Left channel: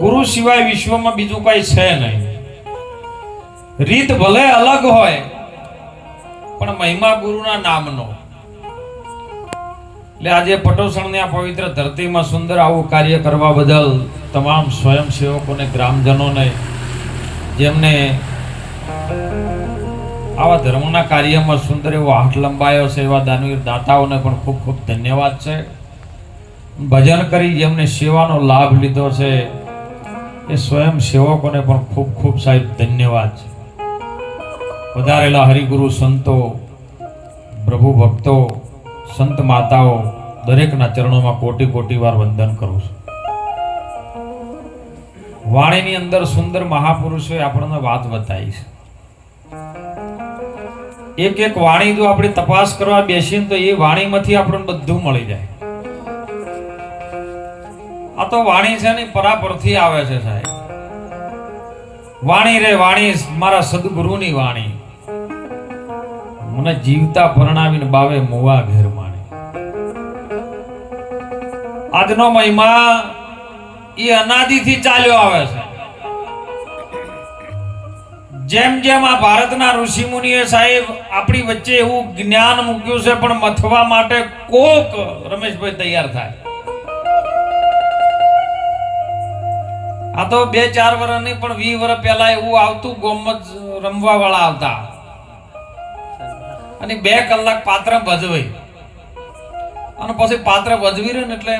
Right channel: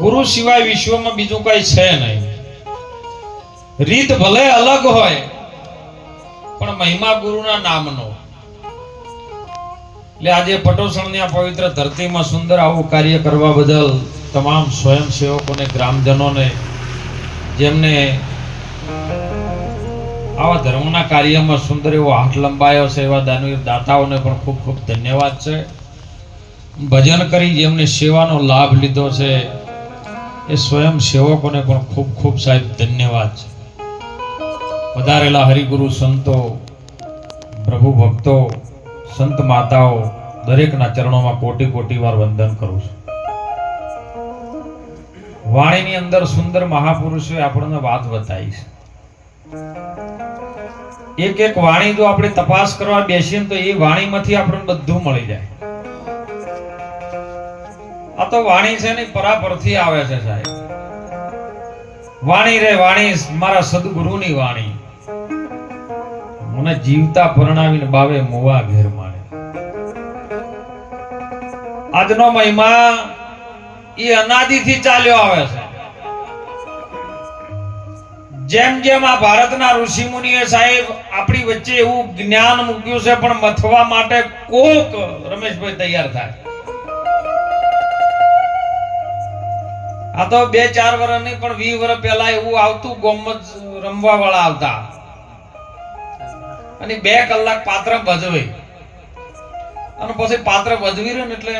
ગુરુ સિવાય વિશ્વમાં બીજું કઈ છે નહીં. રીત ભલે અલગ હોય, પણ મહિમા ગુરુના નામનો. એટલે આજે પટોસણની આ પવિત્ર ધરતીમાં સુંદર આવું કાર્ય કરવા બદલ તમામ સ્વયંસેવકોને, ગ્રામજનોને, જેમને આવા ધર્મના કાર્યમાં સુંદર એવો હાથ લંબાયો છે, એવા દાનવીર દાતાઓને પણ ખૂબ ખૂબ ધન્યવાદ છે. ભજન કરી જેમને સેવાનો લાભ લીધો છે એ સ્વયં સેવકોને પણ ખૂબ ખૂબ સાહેબ ધન્યવાદ છે. વધારેલા હરિગુરુ સંતો, પ્રભુ ભક્તો, સંત માતાઓ, દરેકના ચરણોમાં કોટી કોટી વાર વંદન કરું છું. વાણીની અંદર સુંદર મહાપુરુષોએ આપણને વાત બતાવી છે. એક એક વાણી જો આપણે તપાસ કરવા બેસીએ તો એ વાણીમાંથી આપણને બધું મળી જાય. આ તો વાણી છે ને પરાપરથી આવે છે સાહેબ. વાણી રે વાણી, મારા સદગુરુની વાણી. મને જીવતા પરણાવીને બાવે મુવા ઘેર માણે. આજનો મહિમા એ અનાદિથી ચાલ્યો આવે છે. જેમ જેમ આ ભારતના ઋષિ મુનિએ સાહેબ આપણી વચ્ચે એવું જ્ઞાન મૂક્યું છે, પણ મથવા માટે કોક રમેશભાઈ તૈયાર થાય. આ તો બે ચાર વર્ષ નહીં, પણ વીસ વર્ષ પહેલા એવું આવતું, ગોમત રમવા વાળા આવતા. અને બે કલાક પાત્ર ભજવે. અને પછી પાત્ર ભજવી રહ્યું ને એટલે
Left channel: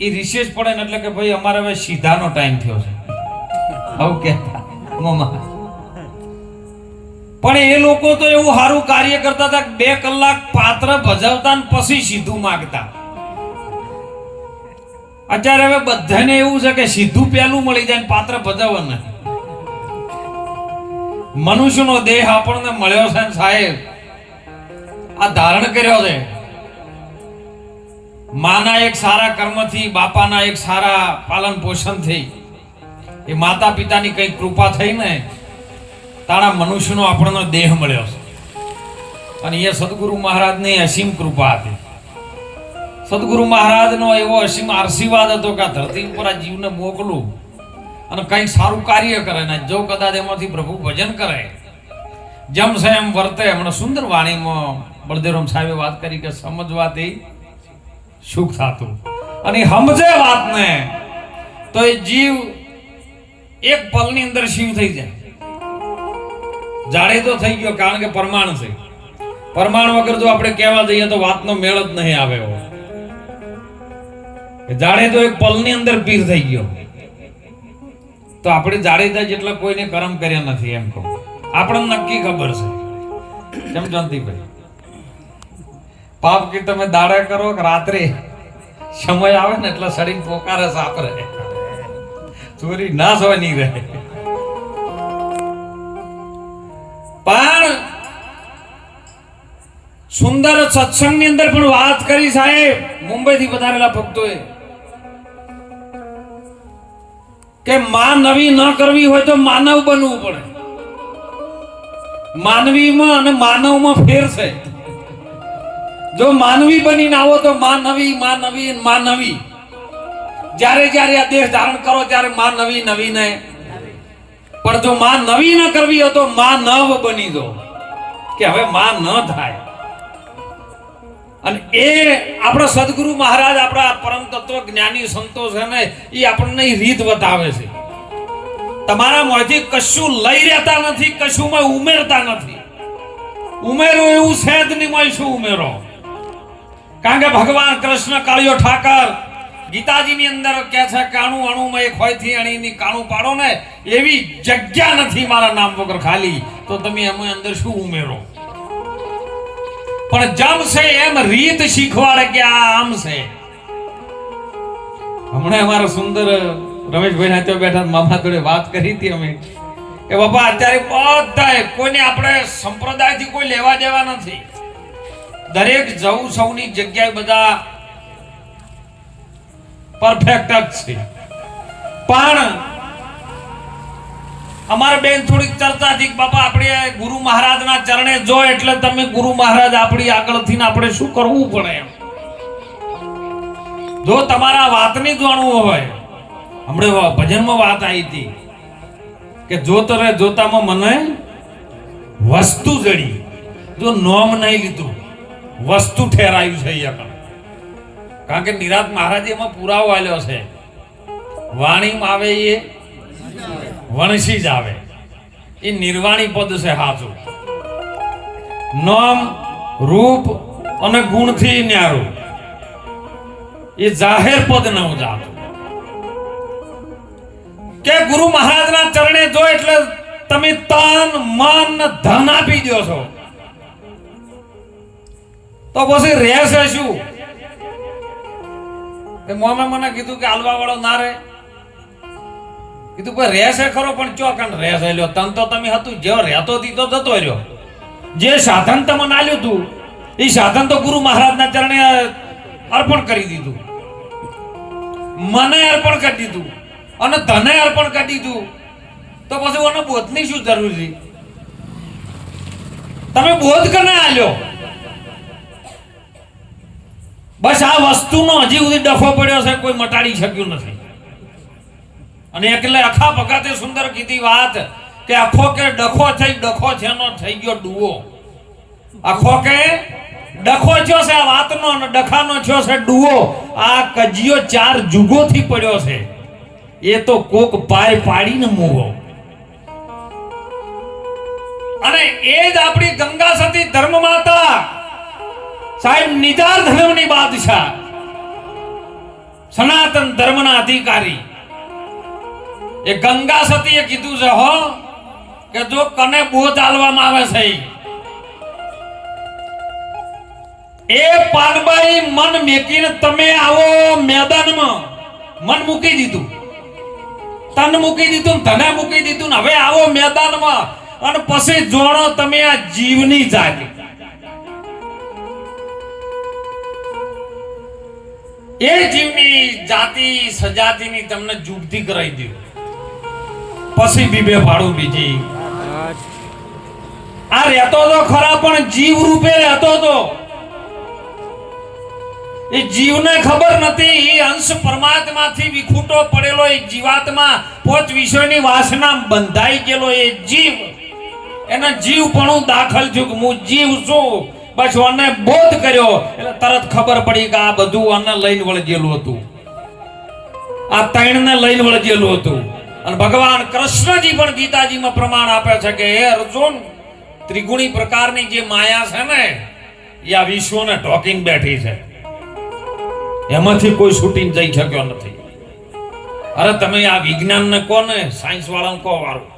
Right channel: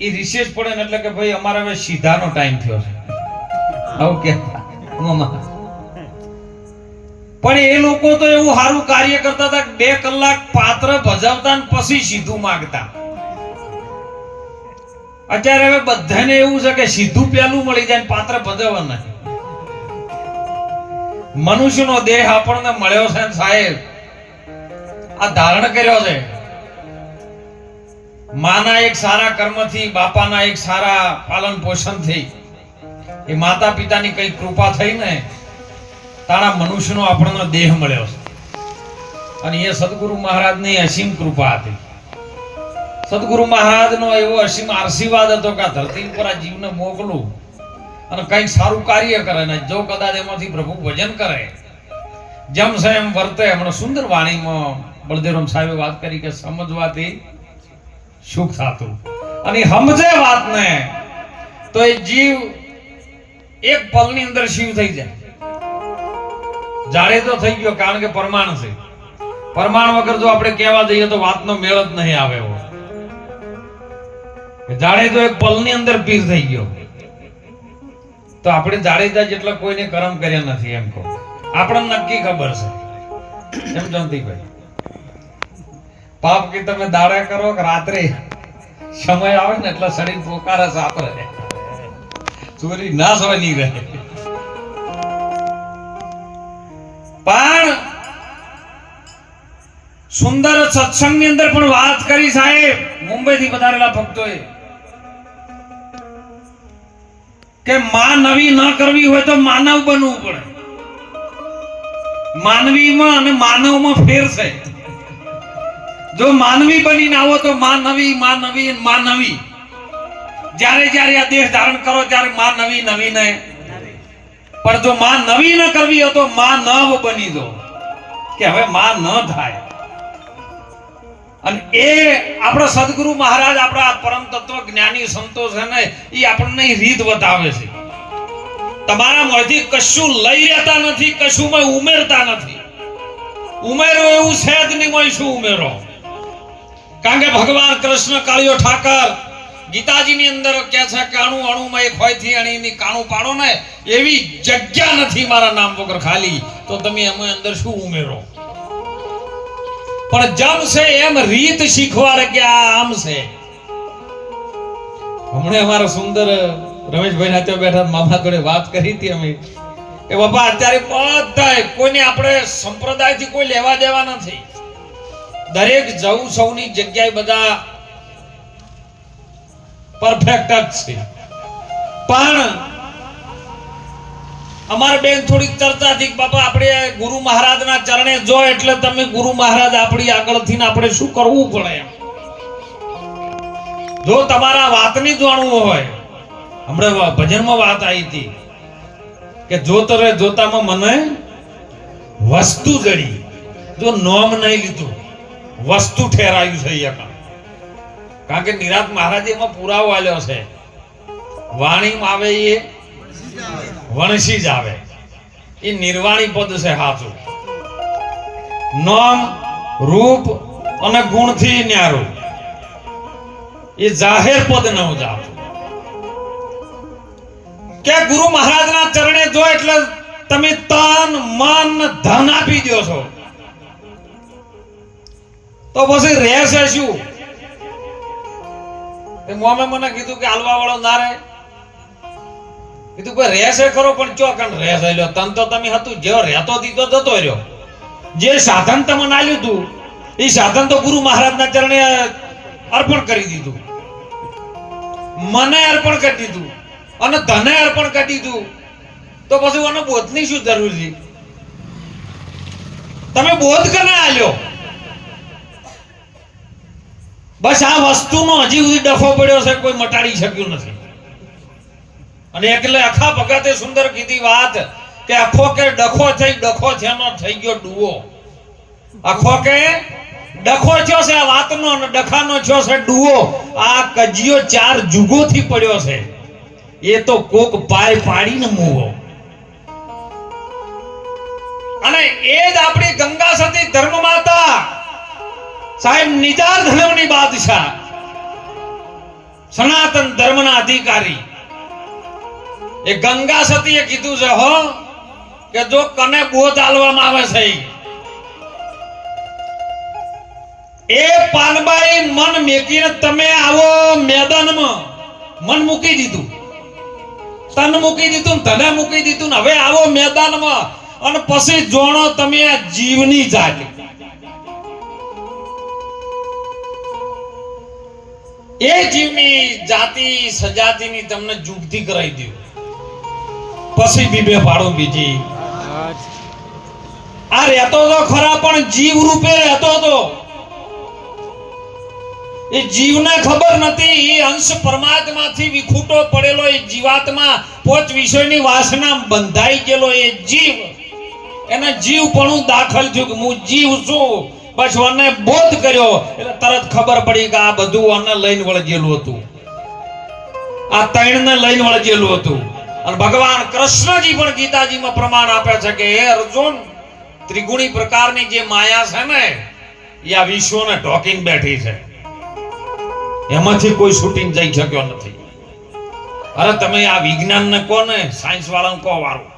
એ રિસેસ પડે ને એટલે કે ભાઈ અમારે હવે સીધાનો ટાઈમ થયો છે. આવું કહેતા. પણ એ લોકો તો એવું સારું કાર્ય કરતા હતા બે કલાક પાત્ર ભજવતા ને પછી સીધું માગતા. અત્યારે હવે બધાને એવું છે કે સીધું પેલું મળી જાય પાત્ર ભજવવા નથી. મનુષ્યનો દેહ આપણને મળ્યો છે ને સાહેબ, આ ધારણ કર્યો છે. માના એક સારા કર્મથી, બાપાના એક સારા પાલન પોષણથી. એ માતા પિતાની કઈ કૃપા થઈ ને, તારા મનુષ્યનો આપણને દેહ મળ્યો છે. અને એ સદગુરુ મહારાજની અસીમ કૃપા હતી. સદગુરુ મહારાજનો એવો અસીમ આશીર્વાદ હતો કે આ ધરતી ઉપર આ જીવને મોકલું અને કંઈક સારું કાર્ય કરે ને જો કદાચ એમાંથી પ્રભુ ભજન કરે. જમશે એમ વર્તે. હમણાં સુંદર વાણીમાં બળદેવરામ સાહેબે વાત કરી કે સમજવાથી સુખ થતું. અને સમજે વાતને, તો એ જીવ એક પલની અંદર શિવ થઈ જાય. જાડે તો થઈ ગયો કારણ કે પરમાણુ છે. પરમાણુ વગર જો આપણે કહેવા જઈએ તો વાતનો મેળ જ નહીં આવે એવો. જાડે તો એક પલની અંદર પીસ થઈ ગયો. તો આપણે જાડેજા જેટલા કોઈને કરમ કર્યા નથી એમ કહું. આપણને નક્કી ખબર છે. કેમ જયંતિભાઈ? પાપ કે તમે દાડા કરો કે રાત્રે સમય આવે ને એટલે શરીર પોકારે સાપરે ચોરી ના સવાય નહીં રહે. પણ સુંદર સત્સંગની અંદર પણ વાત કરી સાહેબ. મુંબઈથી પધારેલા ભક્તોએ. કે માં ન કરવી હોય તો માનવ બનવું પડે. માનવીમાં અને માનવમાં ફેર છે. જો માનવી બનીને આવો તો માનવી અને નવી. જ્યારે જ્યારે આ દેહ ધારણ કરો ત્યારે માં નવી નવી પણ જો માં નવી ન કરવી હોય તો માં નવ બની દો કે હવે માં ન થાય. અને એ આપણા સદગુરુ મહારાજ આપણા પરમ તત્વ જ્ઞાની સંતો છે ને એ આપણને રીત બતાવે છે. તમારા મોંથી કશું લઈ રહેતા નથી, કશુંમાં ઉમેરતા નથી. ઉમેરો એવું છે જ નહીં શું ઉમેરો. કારણ કે ભગવાન કૃષ્ણ કાળિયો ઠાકર, ગીતાજીની અંદર કહે છે, કાણું અણુ અણુમાં એક હોયથી અણીની કાણું પાડો ને, એવી જગ્યા નથી મારા નામ વગર ખાલી. તો તમે એમાં અંદર શું ઉમેરો? પણ જમ છે એમ રીત શીખવાડે કે આમ છે. હમણાં અમારો સુંદર રમેશભાઈ ના ત્યાં બેઠા મામા જોડે વાત કરી હતી અમે. કે બાપા, અત્યારે બધા કોઈને આપણે સંપ્રદાયથી કોઈ લેવા દેવા નથી. દરેક જવું સૌની જગ્યાએ બધા પરફેક્ટ જ છે. પણ અમારે બેન થોડીક ચર્ચા થી બાપા, આપણે ગુરુ મહારાજના ચરણે જો એટલે તમે ગુરુ મહારાજ આપણી આગળથી આપણે શું કરવું પડે એમ? જો તમારા વાતની જાણવું હોય. હમણાં ભજનમાં વાત આવી હતી કે જોતો રે જોતામાં મને વસ્તુ જડી. જો નોમ નહીં લીધું, વસ્તુ ઠેરાયું છે અહીંયા. કારણ કે નિરાત મહારાજ એમાં પુરાવો આલ્યો છે. વાણીમાં આવે એ વણસી જ આવે. એ નિર્વાણી પદ છે સાચું નામ, રૂપ અને ગુણથી ન્યારું. એ જાહેર પદ ન જાતું કે ગુરુ મહારાજના ચરણે જો એટલે તમે તન, મન, ધન આપી દો છો. તો પછી રહેશે શું? મોમે મને કીધું કે હાલવા વાળો ના રહે. કીધું કોઈ રહેશે ખરો, પણ ચો ચોકન રહેશે? લ્યો તન તો તમે હતું, જેવો રહેતો દીધો જતો રહ્યો. જે સાધન તમને આલ્યું હતું, એ સાધન તો ગુરુ મહારાજના ચરણે અર્પણ કરી દીધું. મને અર્પણ કરી દીધું અને તને અર્પણ કરી દીધું. તો પછી મને બોધની શું જરૂર છે? તમે બોધ કને આલ્યો? બસ આ વસ્તુનો હજી સુધી ડફો પડ્યો છે, કોઈ મટાડી શક્યું નથી. અને એટલે આખા ભગતે સુંદર કીધી વાત કે આખો કે ડખો થઈ, ડખો થેનો થઈ ગયો ડુઓ આખો કે ડખો થયો છે, આ વાતનો અને ડખાનો થયો છે ડુઓ આ કજિયો ચાર જુગોથી પડ્યો છે. એ તો કોક પાય પાડીને મૂવો. અને એ જ આપણી ગંગા સતી ધર્મ માતા સાહેબ નિજાર ધર્મની બાદશાહ, સનાતન ધર્મના અધિકારી. એ ગંગા સતીએ કીધું છે, હો, કે જો કને બોધ આલવામાં આવે છે એ પાનબાઈ મન મેકીને તમે આવો મેદાનમાં. મન મૂકી દીધું. તન મૂકી દીધું ધને મૂકી દીધું હવે આવો મેદાનમાં. અને પછી જોણો તમે આ જીવની જાત. એ જીવની જાતિ સજાતિની તમને જુગતી કરાવી દઉં પછી બીબે પાડું બીજી. આ રહેતો તો ખરા, પણ જીવ રૂપે રહેતો તો. એ જીવને ખબર નથી, એ અંશ પરમાત્માથી વિખૂટો પડેલો, એ જીવાત્મા પોચ વિષયની વાસના બંધાઈ ગયેલો એ જીવ. એના જીવપણું દાખલ થયું હું જીવ છું. બસ મને બોધ કર્યો, એટલે તરત ખબર પડી કે આ બધું આને લઈને વળગેલું હતું. આ તૈણને લઈને વળગેલું હતું. અને ભગવાન કૃષ્ણજી પણ ગીતાજીમાં પ્રમાણ આપે છે કે, હે અર્જુન, ત્રિગુણી પ્રકારની જે માયા છે ને, એ આ વિશ્વને ઢોકીને બેઠી છે. એમાંથી કોઈ શૂટિંગ જઈ શક્યો નથી. અરે તમે આ વિજ્ઞાનને કહો ને સાયન્સ વાળાને કહો વારું.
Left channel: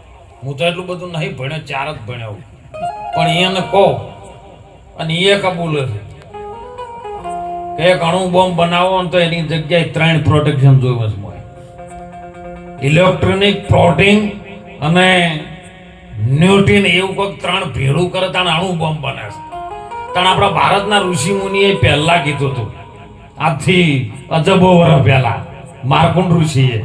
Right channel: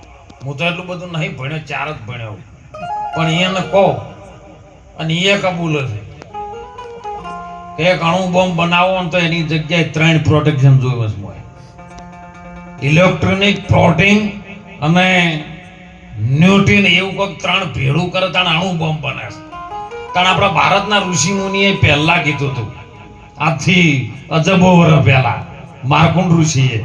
હું તો એટલું બધું નહીં ભણ્યો ચાર જ ભણ્યો પણ એને કહો, અને એ કબૂલ કે એક અણુ બોમ્બ બનાવો ને તો એની જગ્યાએ ત્રણ પ્રોટેક્શન જોવે છે. ઇલેક્ટ્રોનિક પ્રોટીન અને ન્યુટ્રીન એવું કોઈક ત્રણ ભેળું કરે તાણ અણુ બોમ્બ બને છે. તાણ આપણા ભારતના ઋષિ મુનિએ પહેલા કીધું હતું. આજથી અજબો વર્ષ પહેલા, માર્કુંડ ઋષિએ.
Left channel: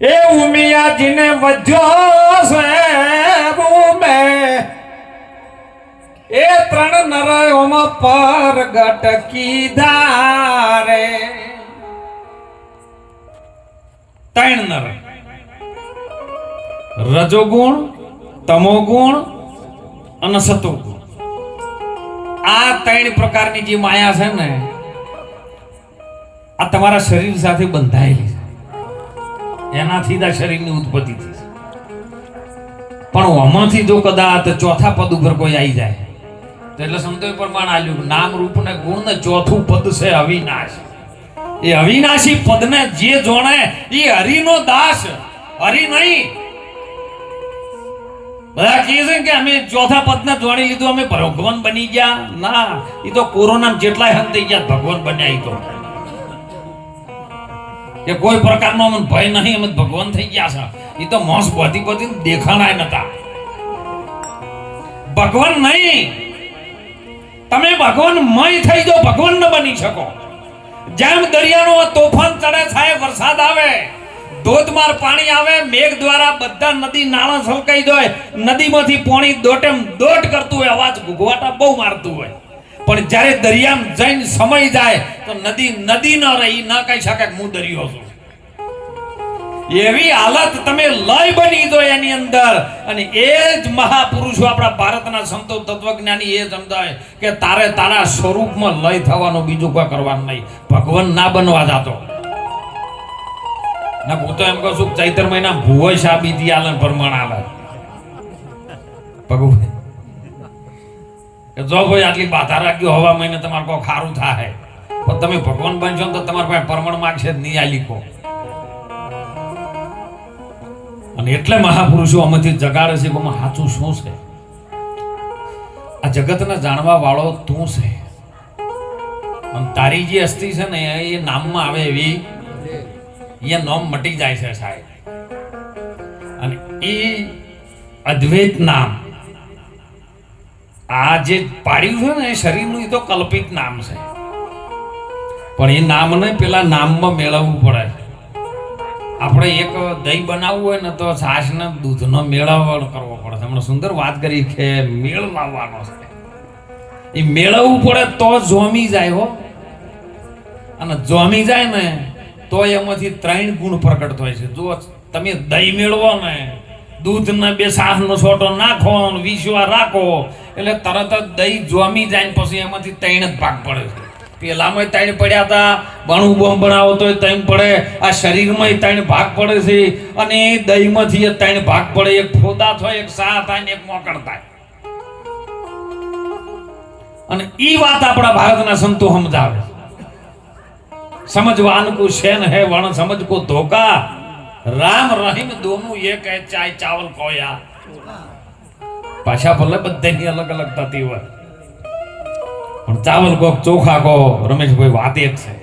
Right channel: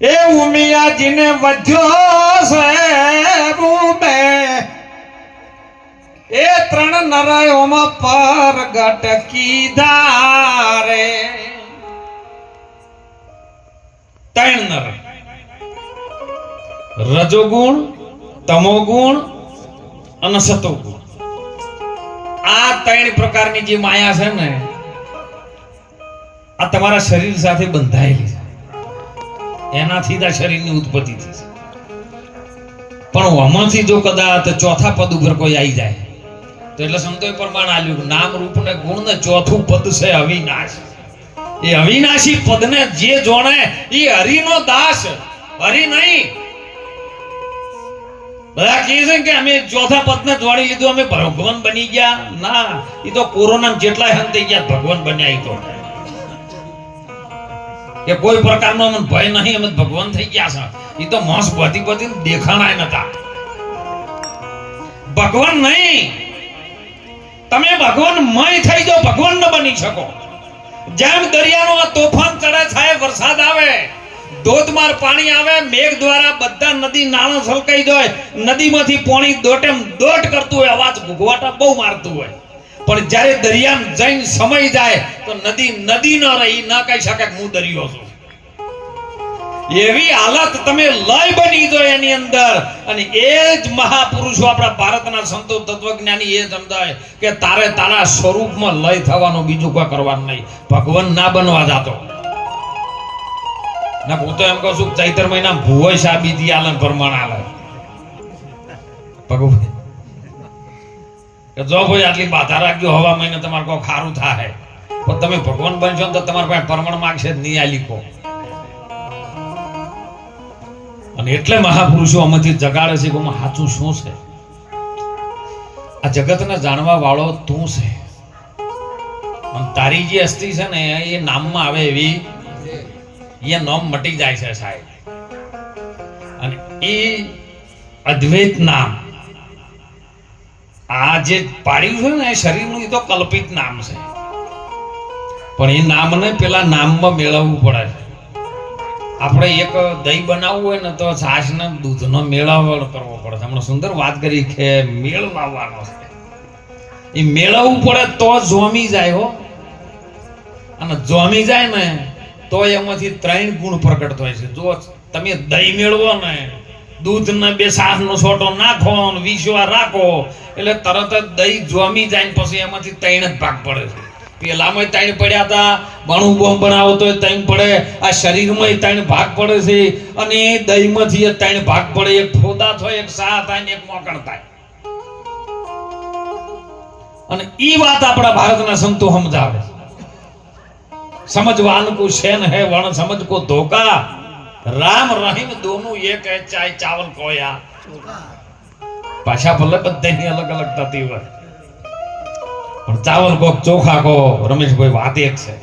એ ઉમિયાજીને વધ્યો છે રૂમે એ ત્રણ નરયોમાં પર ગટકી ધારે. ત્રણ નર. રજોગુણ, તમોગુણ અને સતોગુણ આ ત્રણ પ્રકારની જે માયા છે ને, આ તમારા શરીર સાથે બંધાયેલી છે. એનાથી જ આ શરીરની ઉત્પત્તિ થઈ છે. પણ આમાંથી જો કદાચ ચોથા પદ ઉપર કોઈ આવી જાય, તો એટલે સમજો પ્રમાણ આલ્યું નામ રૂપ ને ગુણ ને ચોથું પદ છે અવિનાશ. એ અવિનાશી પદને જે જોણે એ હરિનો દાસ, હરિ નહીં. બધા કહે છે કે અમે ચોથા પદને જોડી લીધું, અમે ભગવાન બની ગયા. ના એ તો કોરોના જેટલા હન થઈ ગયા, ભગવાન બન્યા તો. કે કોઈ પ્રકારનો અમને ભય નહીં, અમે ભગવાન થઈ ગયા છે. એ તો મોસ બધી બધી દેખાણાય નતા. ભગવાન નહીં. તમે ભગવાન મય થઈ જાઓ, ભગવાન ન બની શકો. જેમ દરિયાનો તોફાન ચડે થાય વરસાદ આવે, ધોધમાર પાણી આવે, મેઘ દ્વારા બધા નદી નાળા છલકાઈ જાય, નદીમાંથી પાણી દોટેમ દોટ કરતું હોય, અવાજ ઘૂઘવાટા બહુ મારતું હોય. પણ જ્યારે દરિયામાં જઈને સમય જાય, તો નદી નદી ન રહી, ન કહી શકે હું દરિયો છું. એવી હાલત તમે લય બની દો એની અંદર. અને એ જ મહાપુરુષો આપણા ભારતના સંતો તત્વજ્ઞાની એ સમજાય કે તારે તારા સ્વરૂપમાં લય થવાનો બીજું કોઈ કરવાનું નહીં. ભગવાન ના બનવા જાતો. ના, હું તો એમ કહું છું ચૈત્ર મહિના ભુવય સાબિતી આલે ને પ્રમાણ આલે. ભગવાન, કે જો કોઈ આટલી બાધા રાખ્યો હવા મહિને તમારે કોઈ ખારું થાય. પણ તમે ભગવાન બનશો તો તમારા પાસે પરમણ માંગશે નહીં આ લીખો અને એટલે મહાપુરુષો આમાંથી જગાડે છે કે સાચું શું છે? આ જગતને જાણવા વાળો તું છે. અને તારી જે અસ્થિ છે ને, એ નામમાં આવે એવી, એ નામ મટી જાય છે સાહેબ. અને એ અદ્વૈત નામ, આ જે પાડ્યું છે ને, એ શરીરનું એ તો કલ્પિત નામ છે. પણ એ નામને પેલા નામમાં મેળવવું પડે. છે આપણે એક દહીં બનાવવું હોય ને તો છાશને, દૂધનો મેળાવડ કરવો પડે. હમણાં સુંદર વાત કરી કે મેળ લાવવાનો છે. એ મેળવવું પડે તો જોમી જાય હો. અને જોમી જાય ને તો એમાંથી ત્રણ ગુણ પ્રગટ થાય છે. જો તમે દહીં મેળવો ને દૂધ ને બે સાસનો છોટો નાખો વિશ્વા રાખો, એટલે તરત જ દહીં જોમી જાય ને પછી એમાંથી ત્રણ જ ભાગ પડે છે. પેલામાં ત્રણ પડ્યા હતા. ભણું બોમ્બ બનાવો તો ત્રણ પડે. આ શરીરમાં ત્રણ ભાગ પડે છે. અને દહીંમાંથી ત્રણ ભાગ પડે. એક ફોદા થાય, એક સા થાય એક મોકણ થાય. અને ઈ વાત આપણા ભારતના સંતો સમજાવે સમજવાન કો શેન હે, વણ સમજ કો ધોકા. રામ રહીમ દોનું એક ચાય ચાવલ કોયા પાછા ભલે બધાની અલગ અલગ થતી હોય. પણ ચાવલ કોક ચોખા કો રમેશભાઈ વાત એક છે.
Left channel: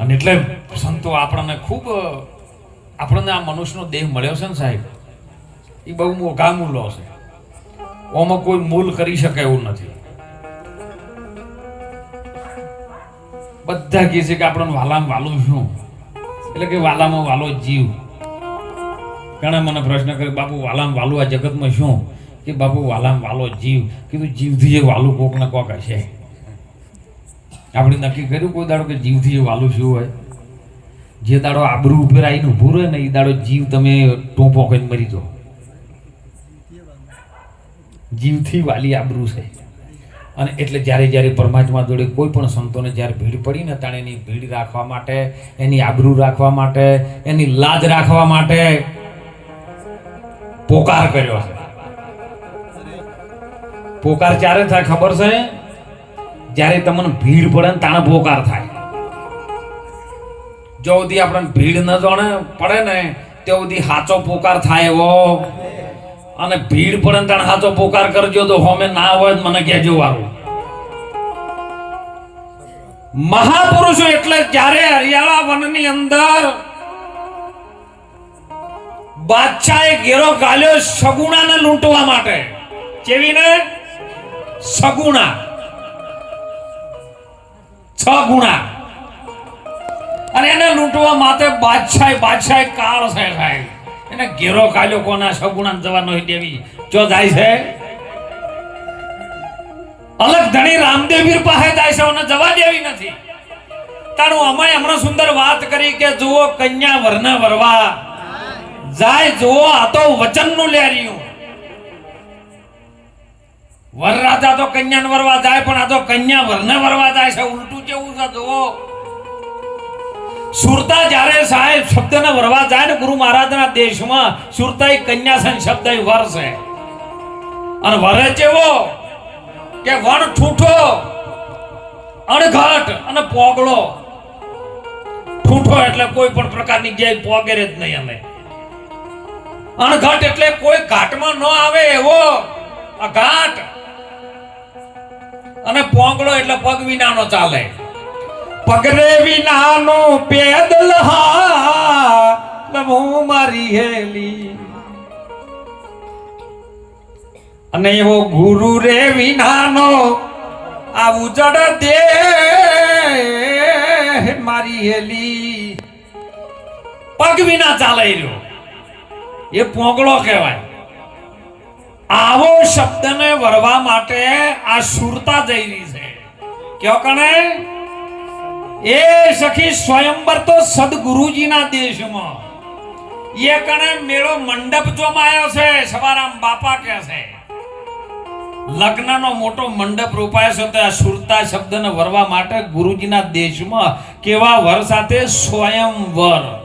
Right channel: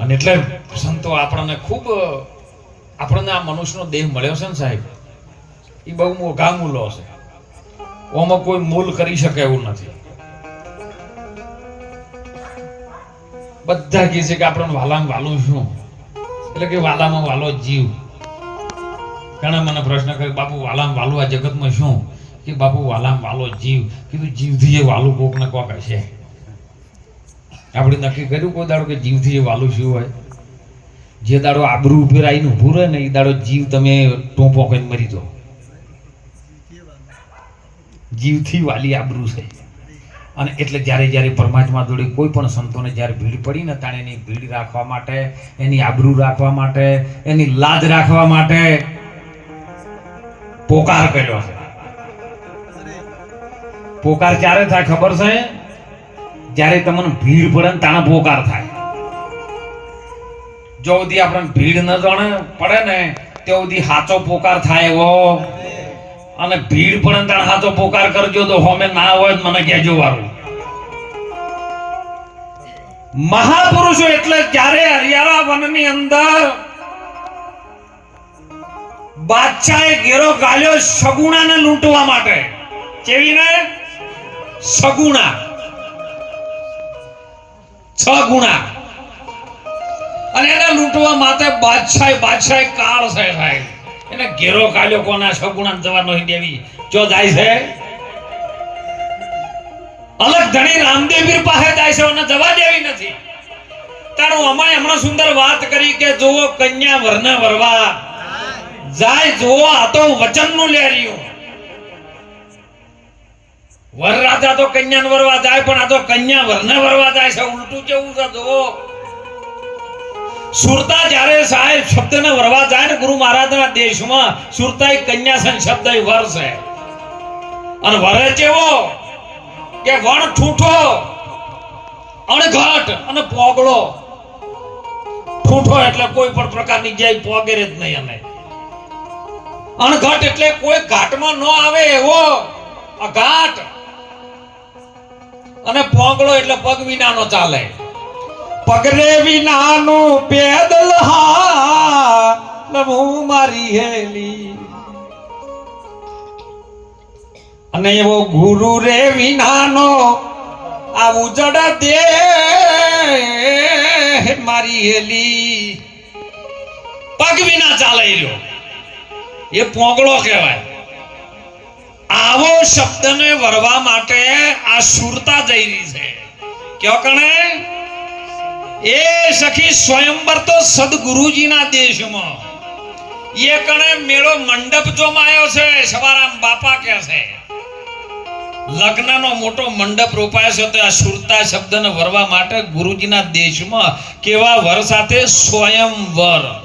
અને એટલે સંતો આપણને ખૂબ, આપણને આ મનુષ્યનો દેહ મળ્યો છે ને સાહેબ, એ બહુ મોઘા મૂલો છે. ઓમાં કોઈ મૂલ કરી શકે એવું નથી. બધા કહે છે કે આપણને વાલામાં વાલું શું? એટલે કે વાલામાં વાલો જીવ. ઘણા મને પ્રશ્ન કરે બાપુ, વાલામાં વાલું આ જગતમાં શું? કે બાપુ વાલામ વાલો જીવ. કીધું જીવથી એ વાલું કોક ને કોક હશે. આપણે નક્કી કર્યું કોઈ દાડો કે જીવથી એ વાલું શું હોય? જે દાડો આબરૂ ઉપર આવીને ઊભું રહે ને એ દાડો જીવ તમે ટોપો કઈ મરી દો જીવથી વાલી આબરૂ છે. અને એટલે જ્યારે જ્યારે પરમાત્મા જોડે કોઈ પણ સંતોને જ્યારે ભીડ પડી ને તાણે એની ભીડ રાખવા માટે, એની આબરૂ રાખવા માટે, એની લાજ રાખવા માટે પોકાર કર્યો છે. પોકાર ક્યારે થાય ખબર છે? જ્યારે તમને ભીડ પડે ને તાણે પોકાર થાય. જો સુધી આપણને ભીડ ન જાણે, પડે ને, તે સુધી સાચો પોકાર થાય એવો. અને ભીડ પડે ને તાણે સાચો પોકાર કરજો તો હોમે ના હોય મને કહેજો વારું. મહાપુરુષો એટલે જ્યારે હરિયાળા વનની અંદર બાદશાહે ઘેરો ગાલ્યો સગુણાને લૂંટવા માટે. કેવીને સગુણા છ ગુણા અને એને લૂંટવા માટે બાદશાહ બાદશાહ કાળ છે સાહેબ. એને ઘેરો કાલ્યો કોના સગુણા જવાનો દેવી. જો જાય છે? અલગ ધણી રામદેવીર પાસે જાય છે અને જવા દેવી નથી. તારું અમાય હમણાં સુંદર વાત કરી કે જુઓ કન્યા વરના વરવા. જાય જુઓ, આ તો વચનનું લેરિયું વર રાજા તો કન્યાને વરવા જાય, પણ આ તો કન્યા વરને વરવા જાય છે. ઉલટું કેવું છે, જુઓ. સુરતા જ્યારે સાહેબ શબ્દને વરવા જાય ને ગુરુ મહારાજના દેશમાં સુરતા એ કન્યા છે શબ્દ વર છે. અને વરે કેવો કે વણ ઠૂઠો, અણઘટ અને પોગળો. ઠૂઠો એટલે કોઈ પણ પ્રકારની જગ્યાએ પોગેરે જ નહીં અમે. અણઘટ એટલે કોઈ ઘાટમાં ન આવે એવો. આ ઘાટ અને પોંગળો એટલે પગ વિનાનો ચાલે. પગરે વિનાનો પેદલ હા હું મારી હેલી. અને એવો ગુરુ રે વિનાનો આ ઉજડ દે મારી હેલી. પગ વિના ચાલે રહ્યો એ પોંગળો કહેવાય. આવો શબ્દને વરવા માટે આ સુરતા જઈ છે. કયો કણે? એ સખી સ્વયંવર તો સદગુરુજીના દેશમાં. એ કણે મેળો મંડપ જોમાયો છે, સવારામ બાપા કે છે. લગ્નનો મોટો મંડપ રોપાયો છે, તો આ સુરતા શબ્દને વરવા માટે ગુરુજીના દેશમાં કેવા વર સાથે સ્વયંવર.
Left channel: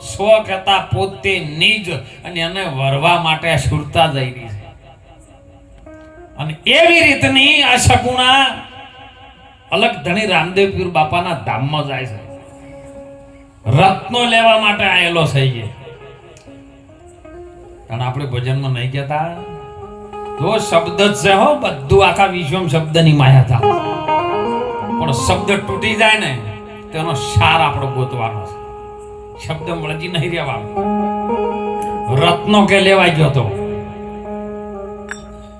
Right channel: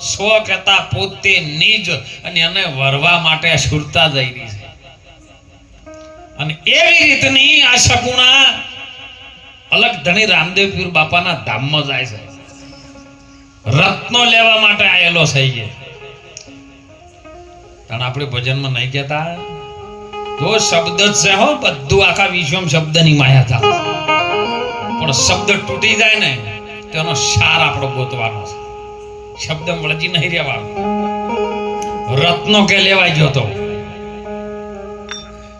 સ્વ કહેતા પોતે નિજ અને એને વરવા માટે સુરતા જઈ રહી છે. અને એવી રીતની આ શકુણા અલગ ધણી રામદેવ પીર બાપાના ધામમાં જાય છે. રત્નો લેવા માટે આયેલો છે કારણ આપણે ભજનમાં નહીં કહેતા. જો શબ્દ છે હો, બધું આખા વિશ્વમાં શબ્દની માયા થાય. પણ શબ્દ તૂટી જાય ને તેનો સાર આપણો ગોતવાનો છે. શબ્દ મળજી નહીં રહેવાનો. રત્નો કે લેવાઈ ગયો તો?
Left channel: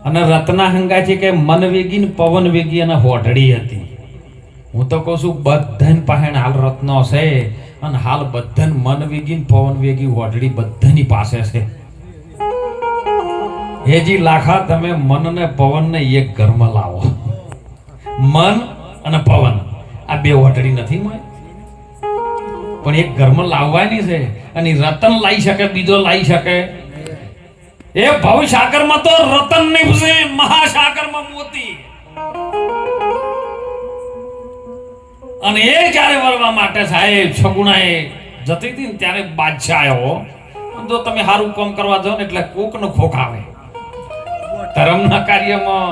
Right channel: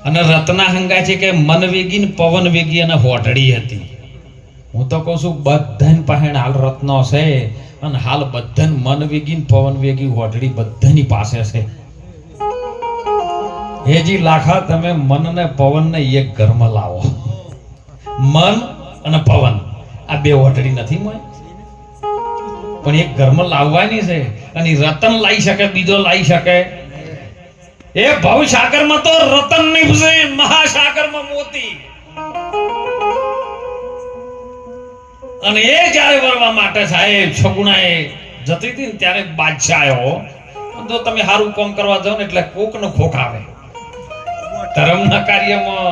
અને રત્ના હંગા છે કે મન વેગી ને પવન વેગી અને હોટડી હતી. હું તો કહું છું, બધાને પાસે હાલ રત્નો છે અને હાલ બધાને મન વેગી ને પવન વેગી હોટડી બધાની પાસે છે. હેજી લાખા, તમે મન ને પવન ને એક ઘરમાં લાવો. મન અને પવન, આ બે હોટડી નથી મળે. પણ એક ઘરમાં લાવવાની છે અને રતન લાવી શકે, બીજો લાવી શકે. એ ભવ સાગરમાં તો રતન નીપશે મહાસાગરમાં મોતી. અને એ જ્યારે વરવા માટે સાહેબ એ જતી હતી ને ત્યારે બાદશાહ આવ્યો. જો તમે સારું કામ કરવા જાઓ ને એટલે કોક નો ખોખ આવે. ધર્મના કાર્યમાં